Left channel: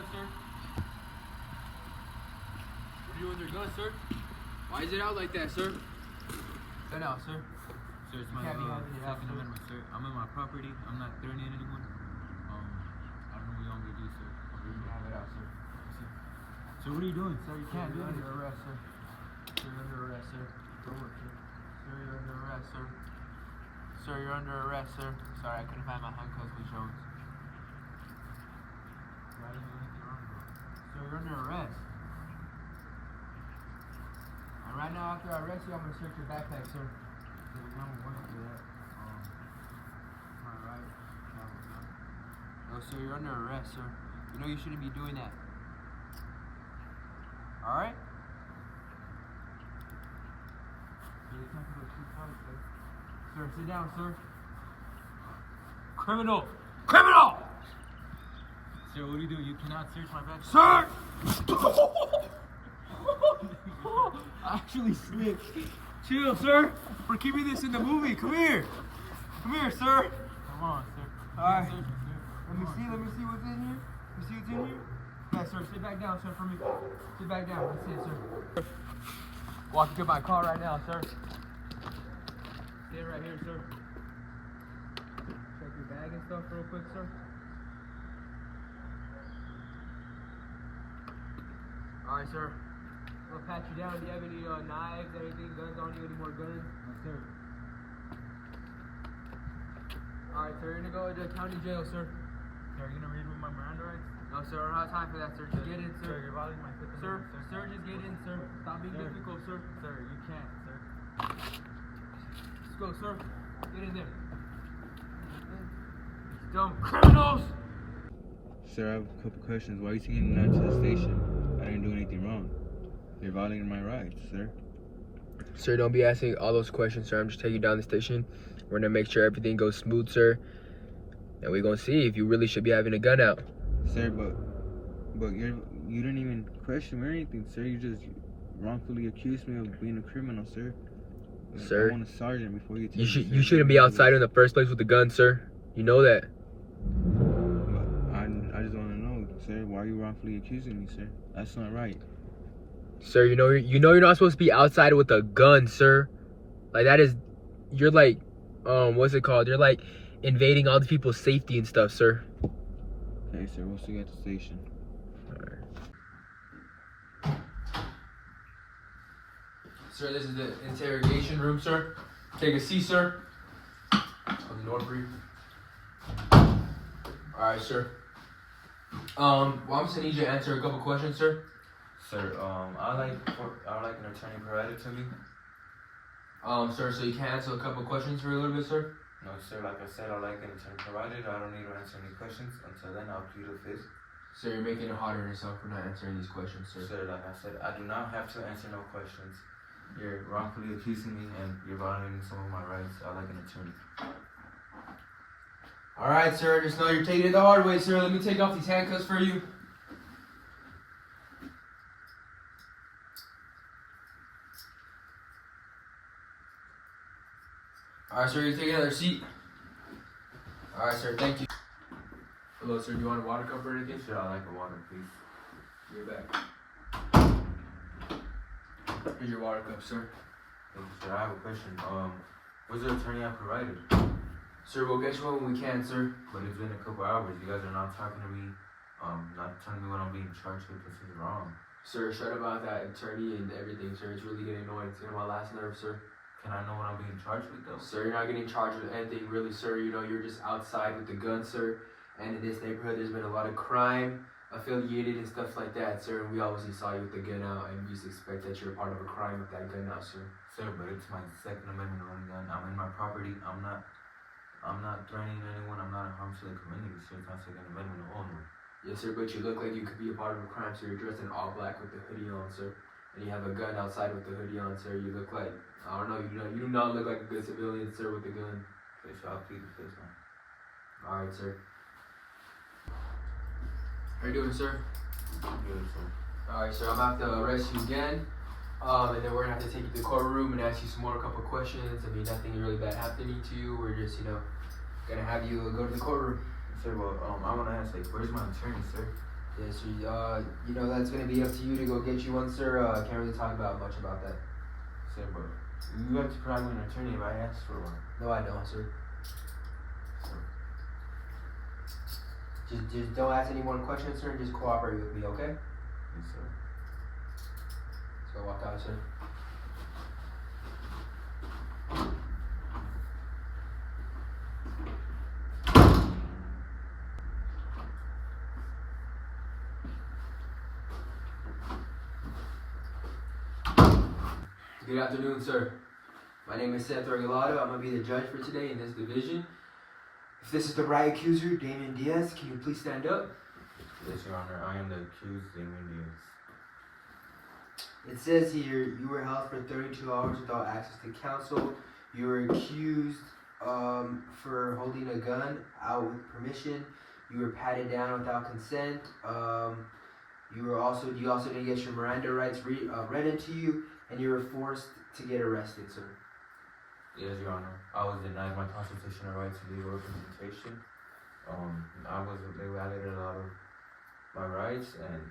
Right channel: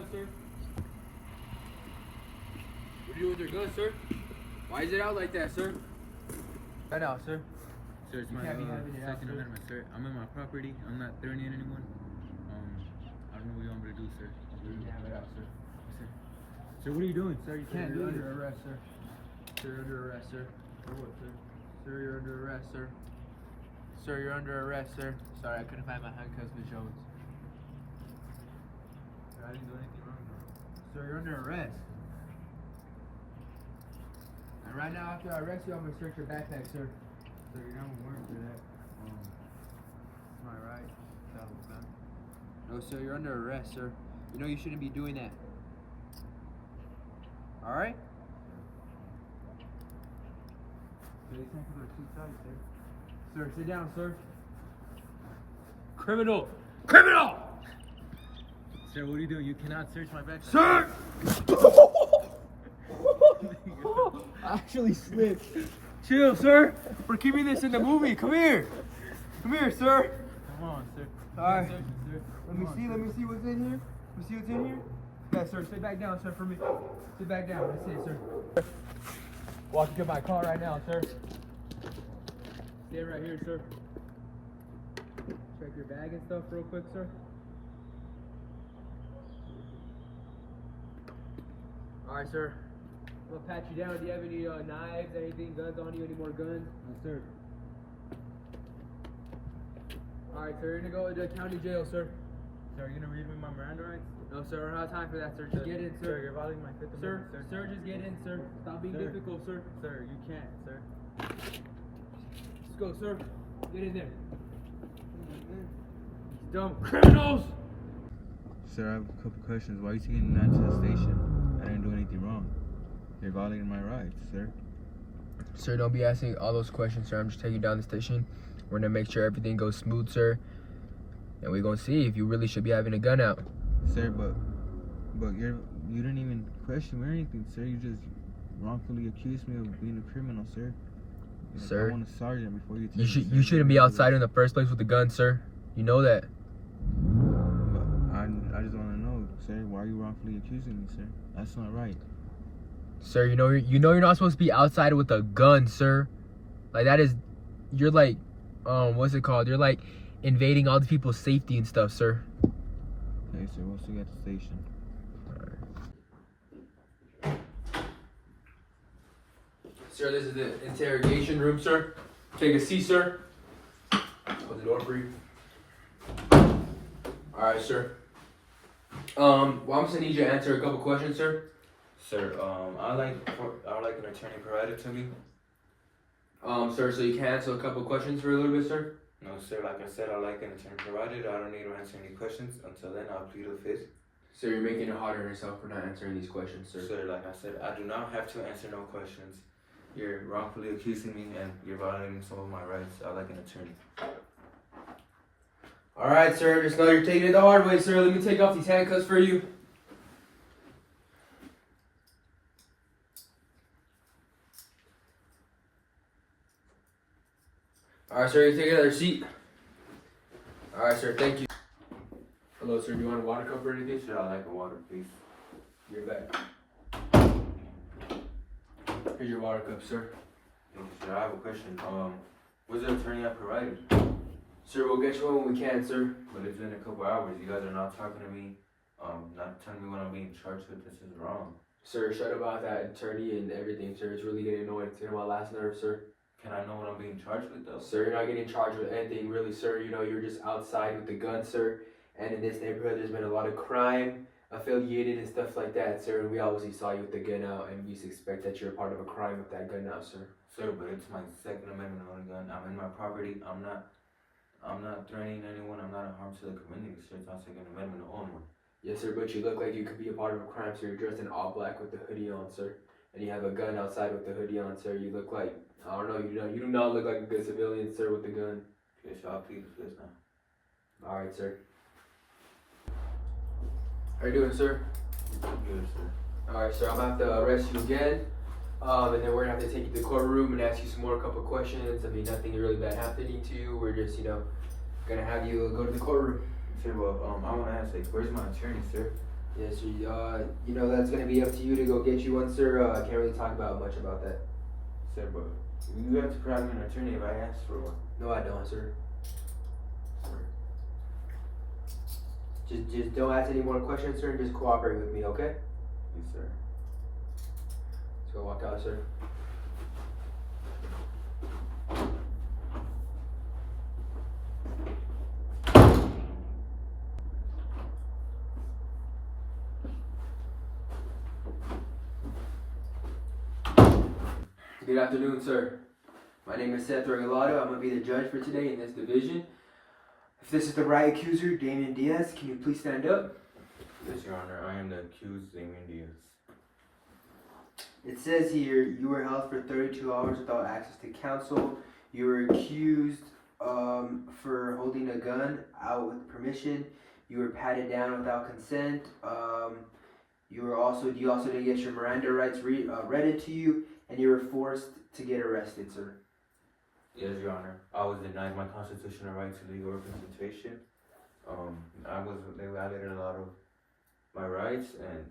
gun, sir? What are you doing with your gun, sir? Why is it out like that, sir? Gun out, sir. Sir, it's my Second Amendment, sir. I'm in my property. I'm not threatening anyone. I don't know what you want me to do, sir. You can have it out, sir. Sir, what are you doing, sir? You can't do You're it. under arrest, sir. Sir, you're under arrest, sir. For what, sir? Sir, you're under arrest, sir. Sir, you're under arrest, sir. Sorry, I couldn't find my handcuffs with Jones. Sir, I didn't do anything wrong, bro. Sir, you're under arrest. And right now, after I arrest you, I'm gonna search your backpack, sir. Sir, you don't want to do that. Am I right? No, sir, you're under arrest, sir. You know you shouldn't be doing that. Alright? Sir, you can't do it two times, sir. Sir, sit down, sir. Criminal! Criminal! Sir, what are you doing? You cannot search my backpack. Sir! I actually slipped. Chill, sir. We're keeping this in the movie. Come here. Come here, sir. Come on, sir. Alright. Sir. Let me see what's in here. Let me see what's in here. Yeah, sir, sit back down, sir, for me. Sit back down. That's it, sir. Walk to my car right now, sir. Stand right here, sir. Check your bag and stuff real quick, sir. Alright, sir. I'm gonna pat you down. Do you have any knives, anything, guns on you, any more guns? Yes, sir. Alright, sir, you're gonna go to the county jail, sir. Sir, are you gonna read me my Miranda rights? No, sir, we don't have time for that, sir. Just get in, Sir, sir. you're violating my Fifth Sir, Amendment, sir, just get in, sir. Stop being Sir. difficult, sir. Sir, you can't, sir. Let's go, sir. Get in there. Dumb criminals! Sir, I have a couple questions. Why are you taking me down to the station? I didn't do anything wrong. You're violating my rights, sir. Sir, don't be asking all those questions, sir. I'm just taking you down the station. We're gonna make sure everything goes smooth, sir. And we're gonna see if you really should be having a gun out. Sir, but you didn't even question me or anything, sir. You just wrongfully accused me of being a criminal, sir. Sir, I want a sergeant before you. you shouldn't be outside in the first place with a gun, sir. You know that. But I just want to know, sir. Why are you wrongfully accusing me, sir? That's not right. Sir, you know you're not supposed to be outside with a gun, sir. Like that is, you're like, what's it called? You're like invading all these people's safety and stuff, sir. Okay, sir. We'll see you at the station. Sir, this is the interrogation room, sir. Take a seat, sir. Close the door for you. Alright, sir. Well, I'm just gonna need you to answer a couple questions, sir. Sir, I would like an attorney provided to me. Sir, so you can answer a couple questions for a little bit, sir? No, sir. Like I said, I like an attorney provided. I don't need to answer any questions. Until then, I'll plead the fifth. Sir, you're making it harder on yourself for not answering these questions, sir. Sir, like I said, I do not have to answer no questions. You're wrongfully accusing me and you're violating some of my rights. I like an attorney. Alright, sir, just know you're taking it the hard way, sir. Let me take off these handcuffs for you. Alright, sir, you take another seat. Alright, sir, thank you. Hello, sir, do you want a water cup or anything? Sir, I like a water, please. Give it back. Here's your water cup, sir. Thank you, sir. I have a question. What's the attorney I provided? Sir, we'll get you one when we can, sir. But it's been a couple hours. You guys are not talking to me. Not telling me what I'm being charged with. This is wrong. Sir, shut about that attorney and everything, sir. It's really getting annoying. It's getting on my last nerve, sir. Can I know what I'm being charged with, though? Sir, you're not getting charged with anything, really, sir. You know, you're just outside with the gun, sir. And in this neighborhood, there's been a lot of crime affiliated and stuff like that, sir. We obviously saw you with the gun out, and we just expect that you're a part of a crime with that gun out, sir. Sir, but it's my Second Amendment on a gun. I'm in my property. I'm not threatening anyone. I'm not a harm to the community, sir. It's my Second Amendment only. Yes, sir, but you look like you could be a part of a crime, sir. You're dressed in all black with the hoodie on, sir. And you have a gun outside with the hoodie on, sir. You look like, I don't know, you do not look like a good civilian, sir, with the gun. Okay, so I'll plead the fifth one. Alright, sir. How you doing, sir? Good, sir. Alright, sir, I'm gonna have to arrest you again. And then we're gonna have to take you to the courtroom and ask you some more couple questions. I mean, nothing really bad happening to you. We're just, gonna have you go to the courtroom. Sir, well, I want to ask, like, where's my attorney, sir? Yes, sir. You know that's gonna be up to you to go get you one, sir. I can't really talk about much about that. Sir, but you have to provide me an attorney if I ask for one. No, I don't, sir. Sir. Just don't ask any more questions, sir. Just cooperate with me, okay? Yes, sir. So walk out, sir. Good afternoon, sir. My name is Seth Regalado. I'm gonna be the judge for today in this division. If this is the right accuser, Damian Diaz, can you please stand up? Yes, Your Honor. I am the accused, Damon Diaz. It says here you were held for 32 hours without access to counsel. You were accused for holding a gun out with permission. You were patted down without consent. You also didn't get your Miranda rights read into you, and you were forced to get arrested, sir. Yes, Your Honor. I was denied my constitutional right to leave representation. They violated a lot of my rights, and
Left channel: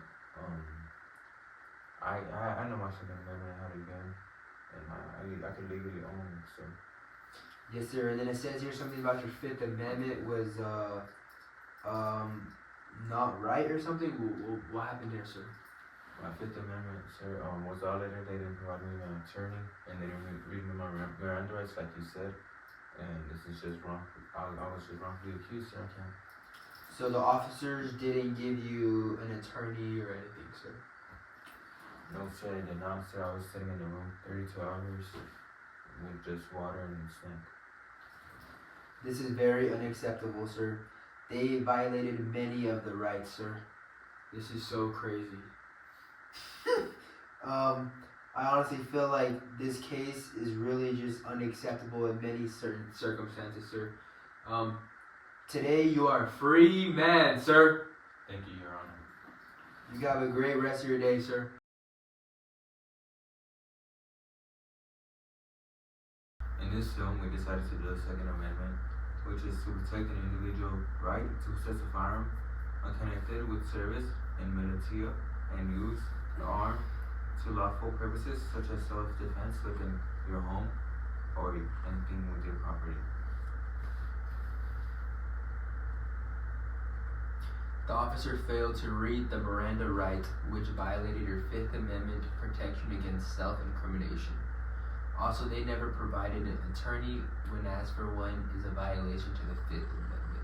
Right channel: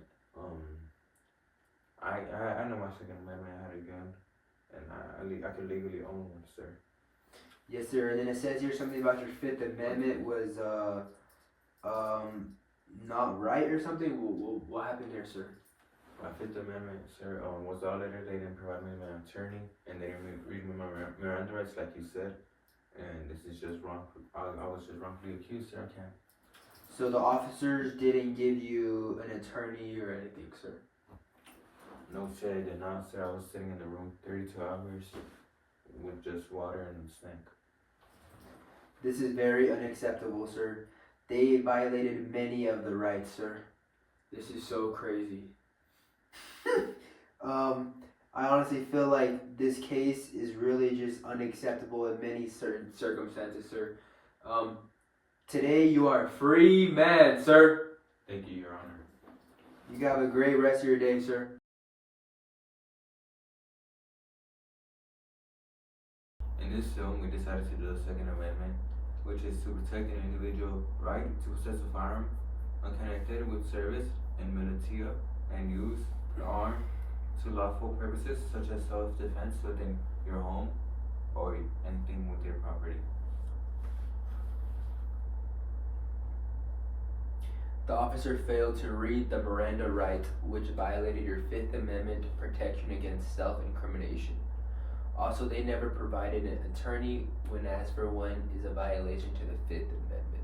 I know my Second Amendment out again, and I can legally own it, sir. Yes, sir. And then it says here something about your Fifth Amendment was not right or something. What happened there, sir? My Fifth Amendment, sir, was violated. They didn't provide me an attorney, and they didn't read me my Miranda rights, like you said. And this is just wrong. I was just wrongfully accused, sir. I can't. So the officers didn't give you an attorney or anything, sir? No, sir, they did not, sir. I was sitting in the room 32 hours with just water and snack. This is very unacceptable, sir. They violated many of the rights, sir. This is so crazy. I honestly feel like this case is really just unacceptable in many certain circumstances, sir. Today you are a free man, sir. Thank you, Your Honor. You have a great rest of your day, sir. In this film, we decided to do a Second Amendment, which is to protect an individual right to possess a firearm when connected with service in militia and use an arm to lawful purposes such as self-defense within your home or anything with your property. The officer failed to read the Miranda right, which violated your Fifth Amendment protection against self-incrimination. Also, they never provided an attorney when asked for one is a violation to the Fifth Amendment.